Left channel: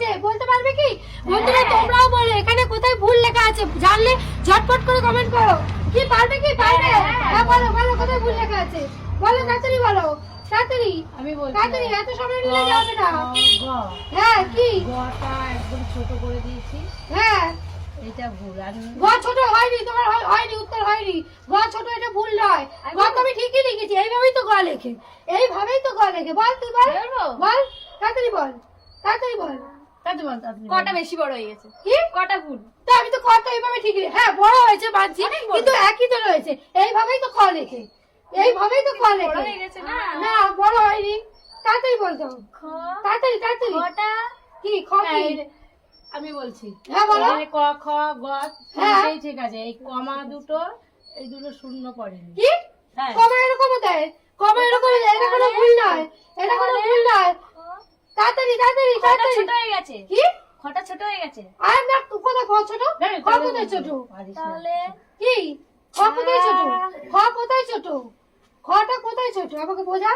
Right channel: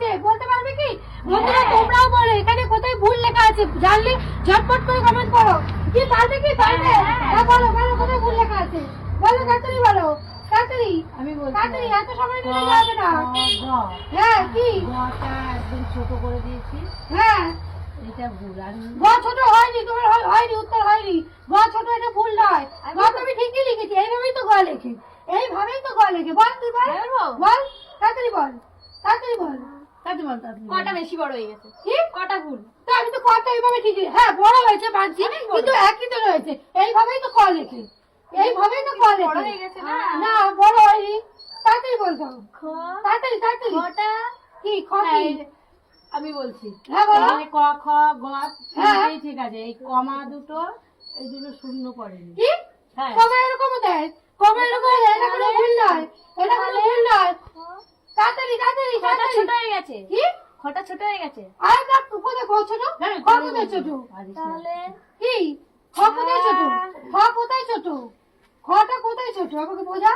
আছে বলতে পারবে কি? বন্ধুরা তোমরাও বলো এখানে কোথায় ভুল লেখা আছে, জানলে ঝটপট করে কমেন্ট করো। কি পারবে কি? পারবে? হ্যাঁ বলো বলো কোথায় ভুল লেখা আছে, বলো তাড়াতাড়ি বলো, তাড়াতাড়ি আমি বলছি তাড়াতাড়ি, এত সময় নিলে যাবে না। হ্যাঁ কি? গটা একদম ছোট করে দিয়েছি, হ্যাঁ এটা ভুল। আর গ ছোট হয়নি, তোমার হয়নি, উত্তর হয়নি। গ ছোট, এটা ভুল নয়। গ তুমি ঠিকই লিখেছি, এইভাবেই তো গ লেখে, এইভাবেই তো গ লেখে। বল তুই বল, বল তাড়াতাড়ি বল, তাড়াতাড়ি বল। তাতে বল, তাতে বল। কটা বেশি বড় হয়ে গেছে? কি কটা ভুল? তো আমি তো কটা এইভাবে ঠিকই, হ্যাঁ বড় হয়েছে মানছি, কিন্তু একই তো রয়েছে, এইভাবেই তো ক লেখে, এইভাবেই তো ক বড় লেখে। হয়ে গেছে না? না বড় হয়নি, তাড়াতাড়ি বলতো, খ তাড়াতাড়ি তাড়াতাড়ি। কটা? কি খ কি? আমি বলছি হ্যাঁ বলো। এখানে ক খ গ হ্যাঁ। তিনটেই ঠিক আছে, এই কমা দুটো, এই দুটো শূন্য পড়েনি। কি হ্যাঁ কমা এরকম দেয়, কমা এরকম দেয়, এটা কোনো ভুল নয়, এটা কোনো ভুল নয়। তাড়াতাড়ি তাড়াতাড়ি খটা তাড়াতাড়ি। ছোট হয়ে গেছে। কি খটা ছোট হয়ে গেছে। আরে না, কোথায় খ ছোট, হ্যাঁ, খ কোথায় ছোট? পারিস না। তাহলে কি খ কোথায় ছোট, খ কোথায় ছোট, খটা কোথায় ছোট আমাকে বোঝা।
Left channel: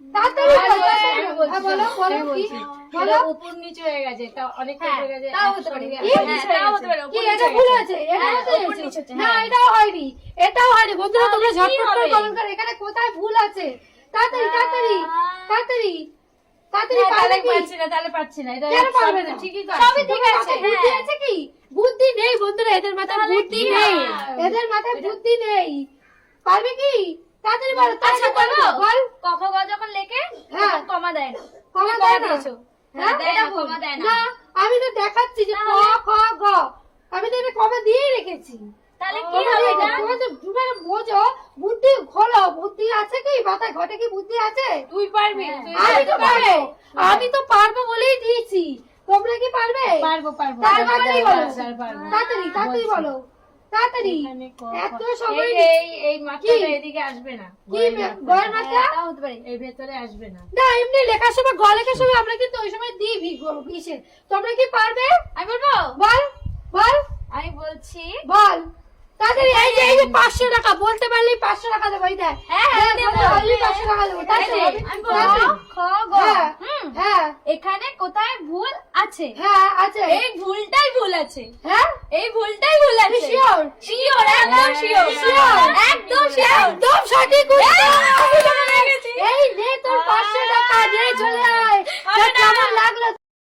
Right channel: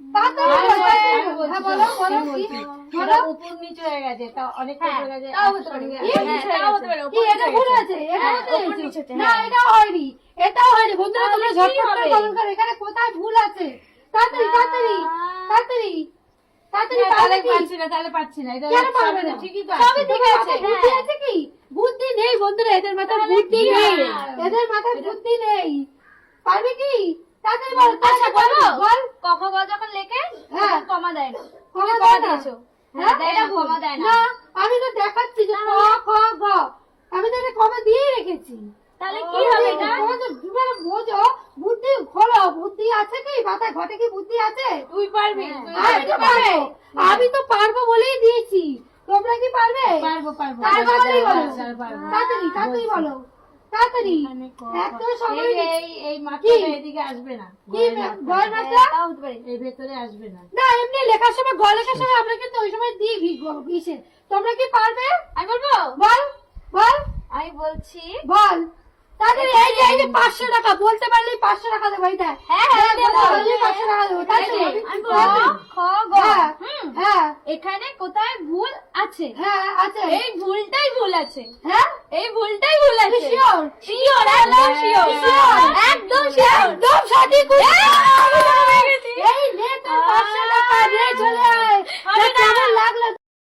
তাড়াতাড়ি বল, তাড়াতাড়ি আমি বল। বলছি, হ্যাঁ বলো বলো আমি কি বলছি। বলো। এটা উপর নিচে হয়ে গেছে, তা অনেকটা হ্যাঁ, হয়ে গেছে, তাও হতে পারে। একসঙ্গে। কি? হ্যাঁ, তাও হতে পারে, কি উপর এটা নিচে ভুল গেছে। আছে, এটা হ্যাঁ, কোথায় উপর হয়েছে? নিচে হচ্ছে, না হ্যাঁ। এটাও হয়নি, এটাও হয়নি। বন্ধুরা তোমরা তাহলে ঝটপট কি করে হবে? কমেন্ট করো, এখানে কোথায় ভুল আছে। তাড়াতাড়ি তাড়াতাড়ি তাড়াতাড়ি তাড়াতাড়ি। হ্যাঁ, পারবে তাহলে কি? পারছি না, তাহলে পারছি না। এটা কেন পারবে সবই না? তো ঠিকই তো সবই আছে। ঠিক আছে, বুদ্ধি আছে কি? বুদ্ধি নেই বন্ধুরা, এদের মাথায় বুদ্ধি কি নেই, হবে? এদের মাথায় বুদ্ধি নেই। পারবে কি? তাড়াতাড়ি বলো, আচ্ছা তাড়াতাড়ি বলো, বল। ক খ গ যখন লেখে হ্যাঁ। তখন কমা দেয় না। কমা তুমি দেয় না? দিয়েছো। হ্যাঁ, দেয় না, কমা দেয় না। না আমি তো দেখাচ্ছি যে ক খ গ, আমি তো এটা কমা দিয়ে রেখেছি। তাহলে কি হবে এটা? তোমার তো মানে বোঝো, বুদ্ধি খোলো, বুদ্ধি আছে কি মাথায়, ঘটে কি বুদ্ধি আছে? তুই পারবি, তুই আমি তো পারবি। পারবো, আমি তো পারবো বলেই দিয়েছি। তোমরা কি পারবে? পারবো, পারবো। তাড়াতাড়ি বলো, পারবো। তাড়াতাড়ি তাড়াতাড়ি বলছি। বলো, তাড়াতাড়ি। এখানে ক, এত খ। সময় এই- এই- এই মাত্রাটা এদিকে আসবে না, কি বয়ের মাত্রা? হ্যাঁ, তাও হতে পারে। এই ভেতরে আসবে না। না এমনি লেখার সময় গ লেখার সময় আমরা কিন্তু ওই সময় দিই ইসে। তোমরা কি পারবে? আমি বলবো, বল বল আমি বলছি বল তাড়াতাড়ি। এই যে 500 টাকা বলতে পারলেই 500 টাকা দেবো, এই দেখ। হ্যাঁ, দেখ, আমি দেবো। বলতে পারলেই 500 টাকা দেবো, তাড়াতাড়ি। আমি বলবো, তাড়াতাড়ি। খ গ। হ্যাঁ, হুম, হ্যাঁ এখানে কোথায় ভুল আছে? হ্যাঁ আছে। এই ভুলটাই ভুল আছে। হ্যাঁ এই ভুলটাই ভুল আছে। শিওর, শিওর, একদম শিওর, Sure. একদম শিওর। একদম সঠিক উত্তর। এই নে তোর 500 টাকা, নে চলে আয়। কেমন লাগলো?